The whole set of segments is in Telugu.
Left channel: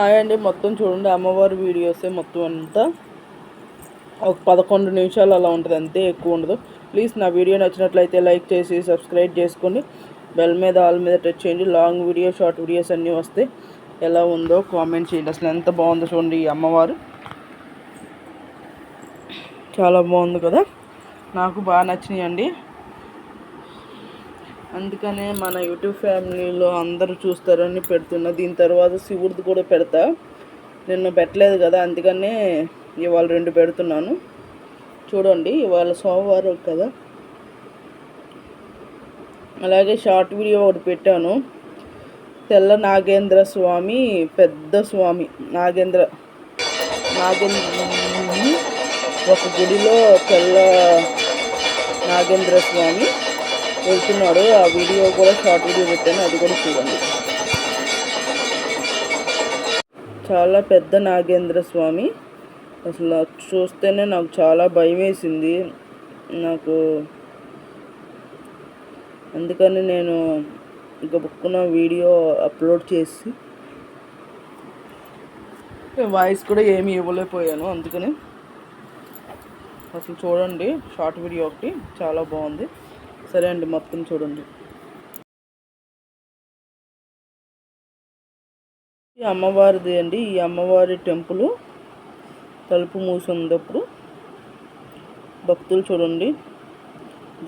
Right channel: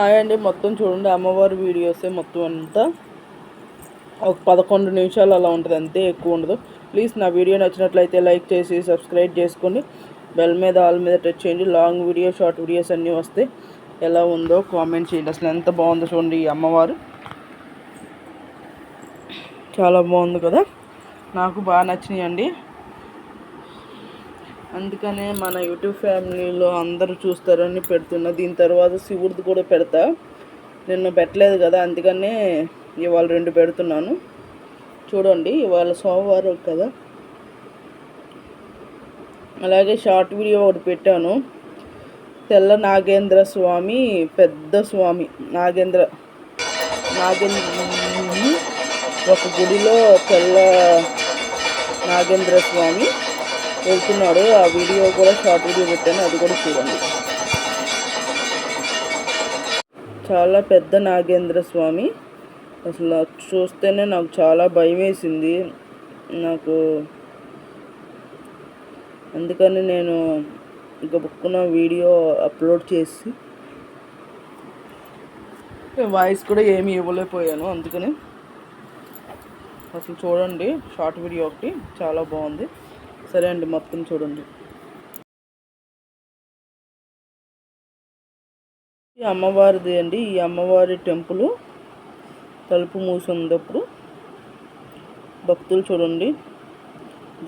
హాయ్ అండి. మొత్తం చూడండి, అమ్మవారి వీడియోసే మొత్తం అంతా ఒక 11 నిమిషాలు అలా ఉంటుంది, అంతే, ఎక్కువ ఉండదు. ప్లీజ్ నా వీడియో నచ్చినట్లయితే లైక్ చేసి సబ్స్క్రైబ్ చేసుకోండి. బెల్ మీద ఆల్ మీద టచ్ చేయండి. లాంగ్ వీడియో షార్ట్ వీడియోస్ అన్నీ వస్తే ఎలా ఉందో కామెంట్ చేయండి. అసలు ఎంత బాగుందో చూడండి. ఈ అమ్మవారు చాలా బాగుంది కదా, నాకు బాగా నచ్చినాయండి. అందుకనే మన యూట్యూబ్ ఫ్యామిలీలో అందరూ చూస్తారని పెడుతున్నా. దీని తర్వాత శివుడిది కూడా పెడతా. నిన్న పెట్టలేదు కదా, అందుకనే ఇవాళ 2 పెడుతున్నాను. చూడండి, ఇవాళ సోమవారం కదా. అలాగే షార్ట్ వీడియో ఒకటి పెట్టాను. తెల్ల నాగేంద్ర స్వామి, పెద్ద స్వామి నాగేంద్ర ఒక గుడిలో తెల్ల నాగేంద్ర స్వామి వెళ్తున్నాడు. ఆ వీడియో కూడా షార్ట్ వీడియో పెట్టాను, అది కూడా చూడండి. చాలా పెద్ద నాగేంద్ర స్వామి. అసలు చూస్తేనే నాకు చాలా భయం వేసింది నాకు. అందుకని నేను ఇంకా బుక్కున వీడియో అప్లోడ్ చేసి వాయిస్ కూడా ఏమీ ఇవ్వలేకపోయాను. అందుకని అసలు చూడండి, షార్ట్ వీడియో ఒకటి చాలా బాగుంది. సరే అండి, మొత్తం చూడండి. ఈ అమ్మవారిది అండి. ఈ అమ్మవారి టెంపుల్ తలుపు మూసి ఉన్నప్పుడు భక్తులు చూడండి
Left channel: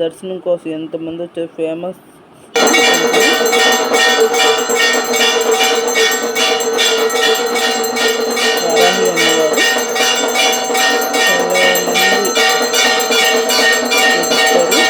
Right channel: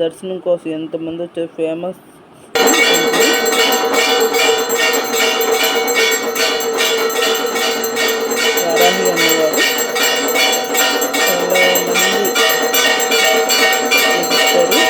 దర్శనం కోసం ఎంతమంది వచ్చారు. ఫేమస్ వారాహి అమ్మవారు. చాలా మంది చూపిస్తారు.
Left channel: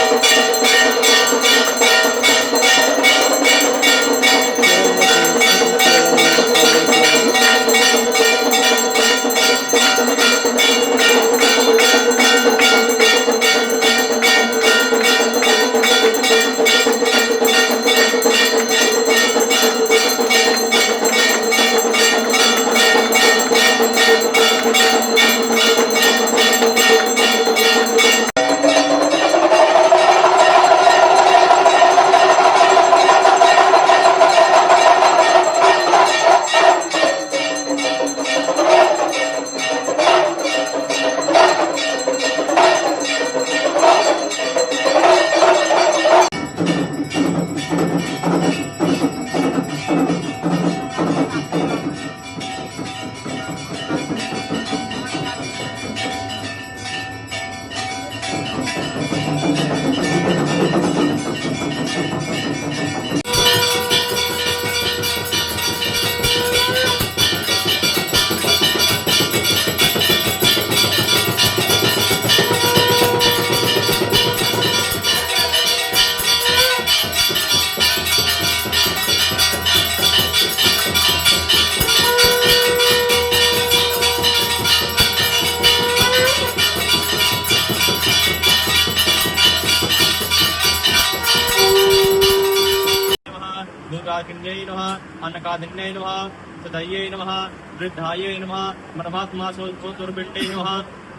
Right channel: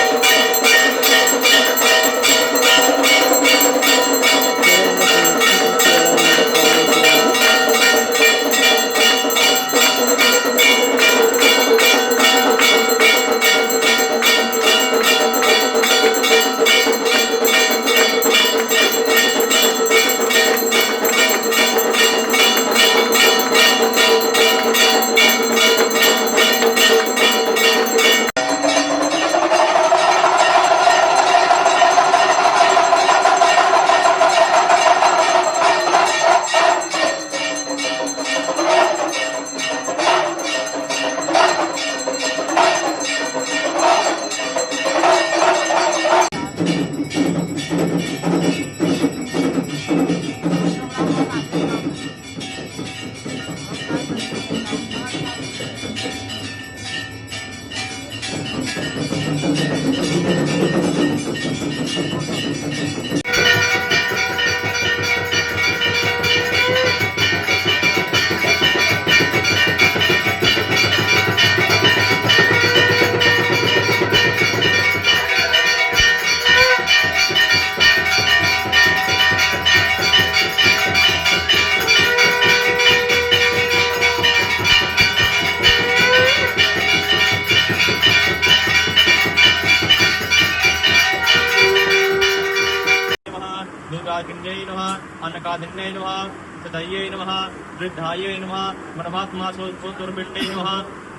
दुर्गाकिन्यै नमः, अन्नकादिन्यै नमः, सदयै नमः, वृद्धायै नमः, परमात्मा सोतुर्बिण्डै नमः,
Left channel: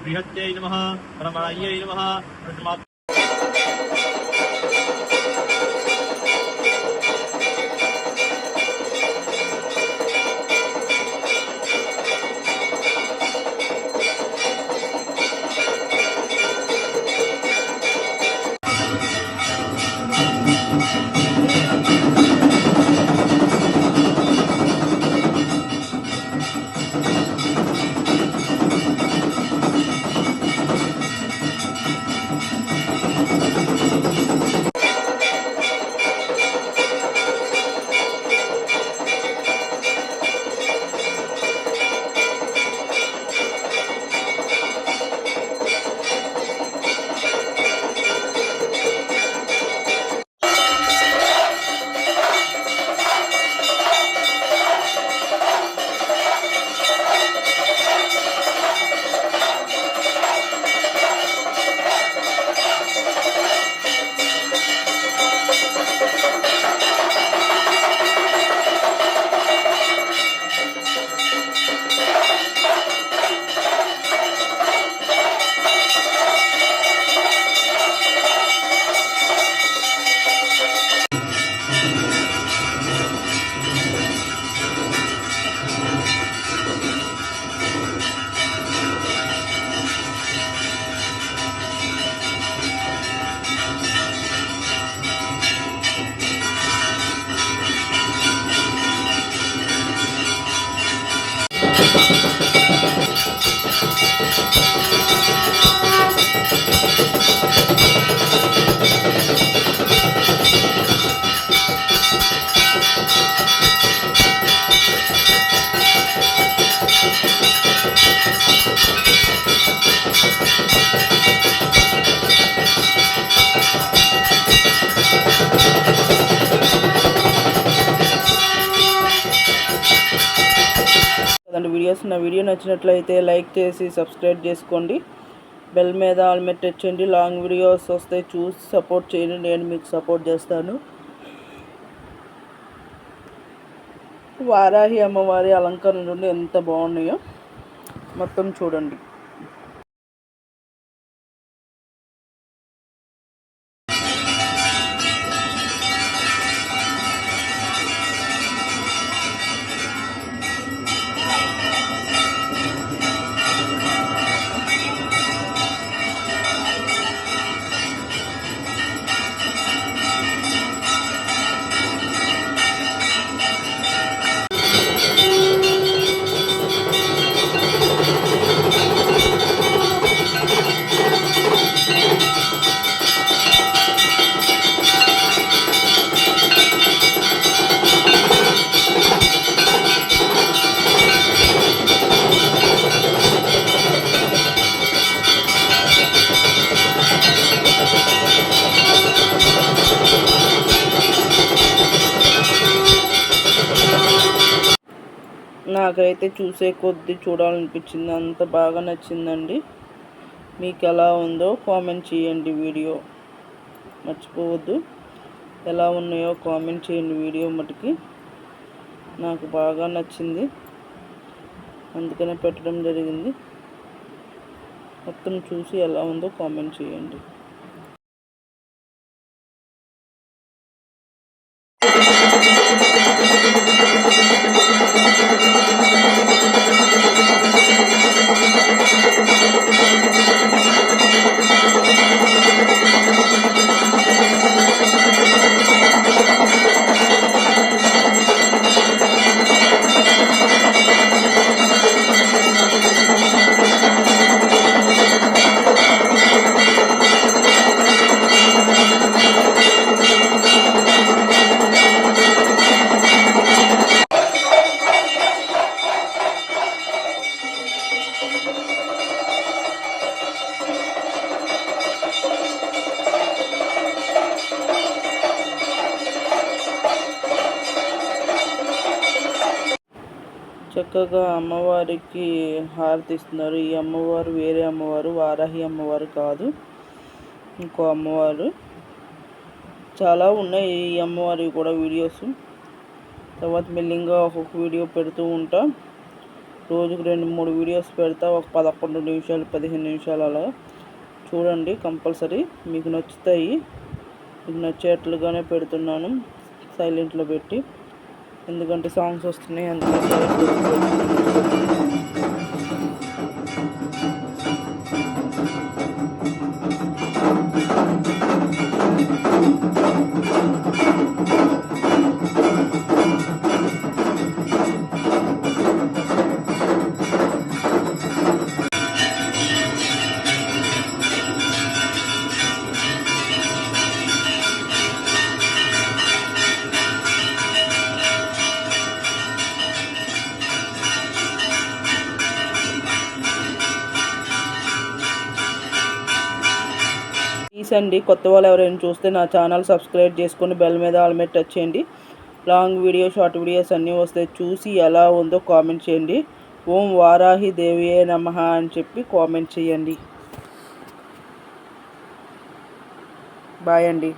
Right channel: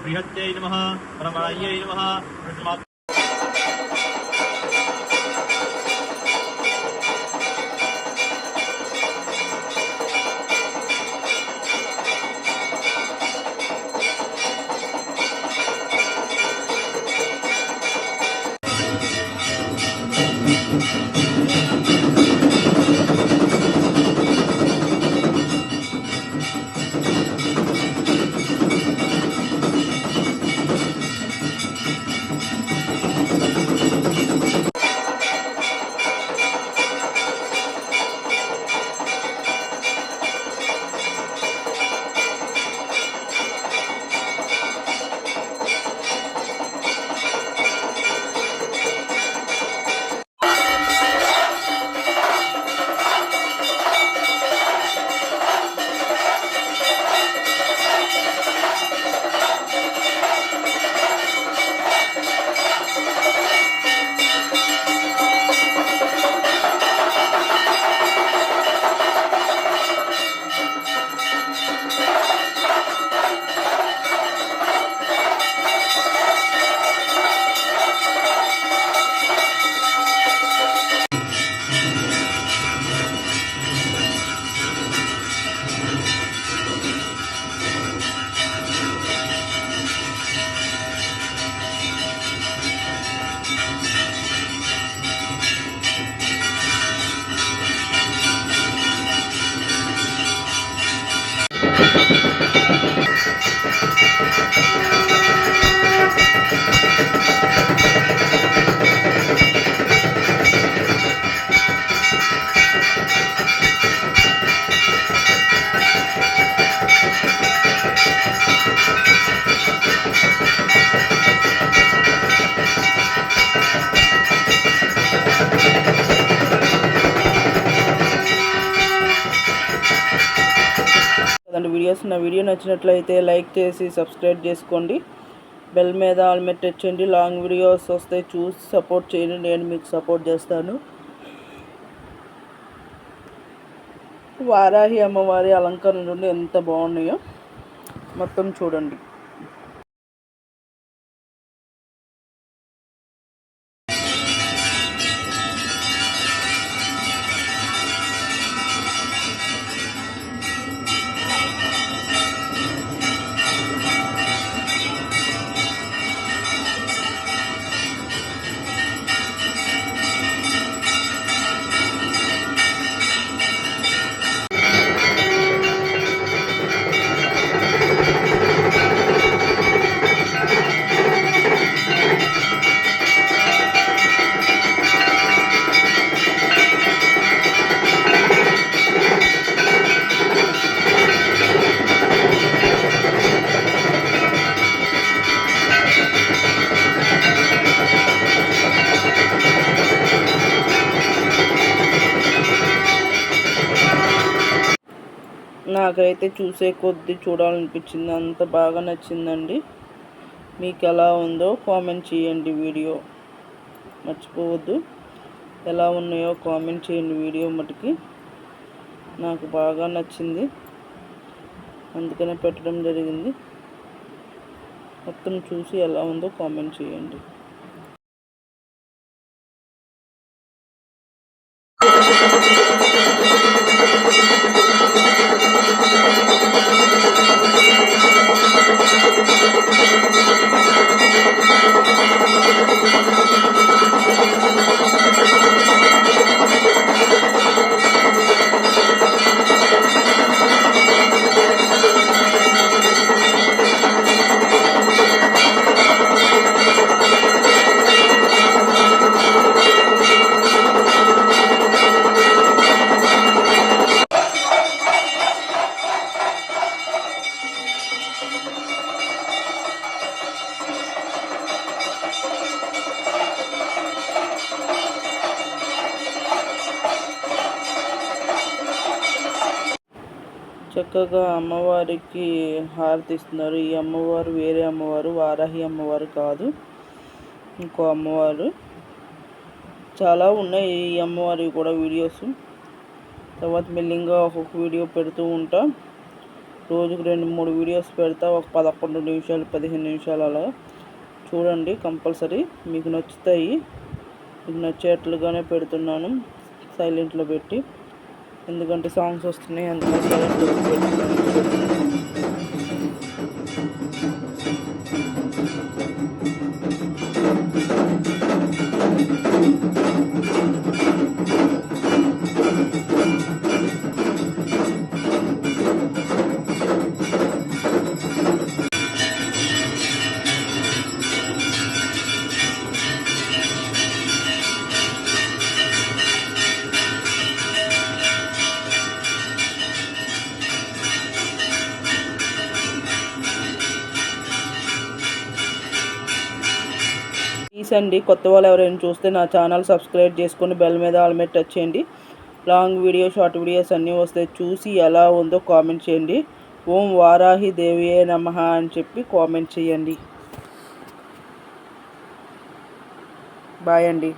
बृहत्यै नमः, परमणायै नमः, వీడియోస్. నా వీడియో నచ్చినట్లయితే లైక్ చేసి సబ్స్క్రైబ్ చేసుకోండి. బెల్ మీద ఆల్ మీద టచ్ చేయండి. లాంగ్ వీడియోస్ వస్తే చూసి సపోర్ట్ చేయండి. నేను మీకు సపోర్ట్ చేస్తాను. వారాహి అమ్మవారి అలంకరణ నుండి ఎంత బాగున్నాయో మొత్తం చూడండి. నాకైతే చూసే కొద్దీ చూడాలనిపించింది. అంత బాగా నచ్చిందండి. మీకు ఎలా ఉందో కామెంట్ చేయండి. వీడియో మర్చిపోవద్దు. ఎలా ఉన్నాయో కామెంట్ చేయండి. వీడియో మటుకి నాకు బాగా నచ్చింది, అందుకనే పెట్టడం జరిగింది. మొత్తం చూసి ఎలా ఉందో కామెంట్ చేయండి. చక్కగా అమ్మవారికి హారతి ఇస్తున్నారు. ఈ అమ్మవారు వేరే అమ్మవారు, వారాహి అమ్మవారు కాదు, ఇంకో అమ్మవారు. చాలా ఉన్నాయి ఈ అమ్మవారి కూడా వీడియోస్. తర్వాత మెల్లింగా ఒక్కొక్క వీడియో పెడుతూ ఉంటా. రోజుకు 2-3 వీడియోస్ పెడతా. ఒక 11 నిమిషాలు 15 నిమిషాలు అలా చూడండి. కంపల్సరీ మీకు నచ్చుతాయి. మీకు నచ్చేట్లుగానే పెడుతున్నాను సైలెంట్లో పెట్టి, ఎందుకంటే సాంగ్స్ వస్తున్నాయి, అందుకని సైలెంట్లో పెడుతున్నాను. ప్లీజ్ అండి, కొత్త వాళ్ళు ఎవరైనా చూస్తే నా ఛానల్ సబ్స్క్రైబ్ చేసుకొని బెల్ మీద ఆల్ మీద టచ్ చేయండి. లాంగ్ వీడియో షార్ట్ వీడియోస్ అన్నీ వస్తాయి. చూసి ఎలా ఉందో కామెంట్ చేయండి. ఓం వారాహి దేవియే నమః అని చెప్పి కామెంట్ చేయండి. బాయ్ అండి.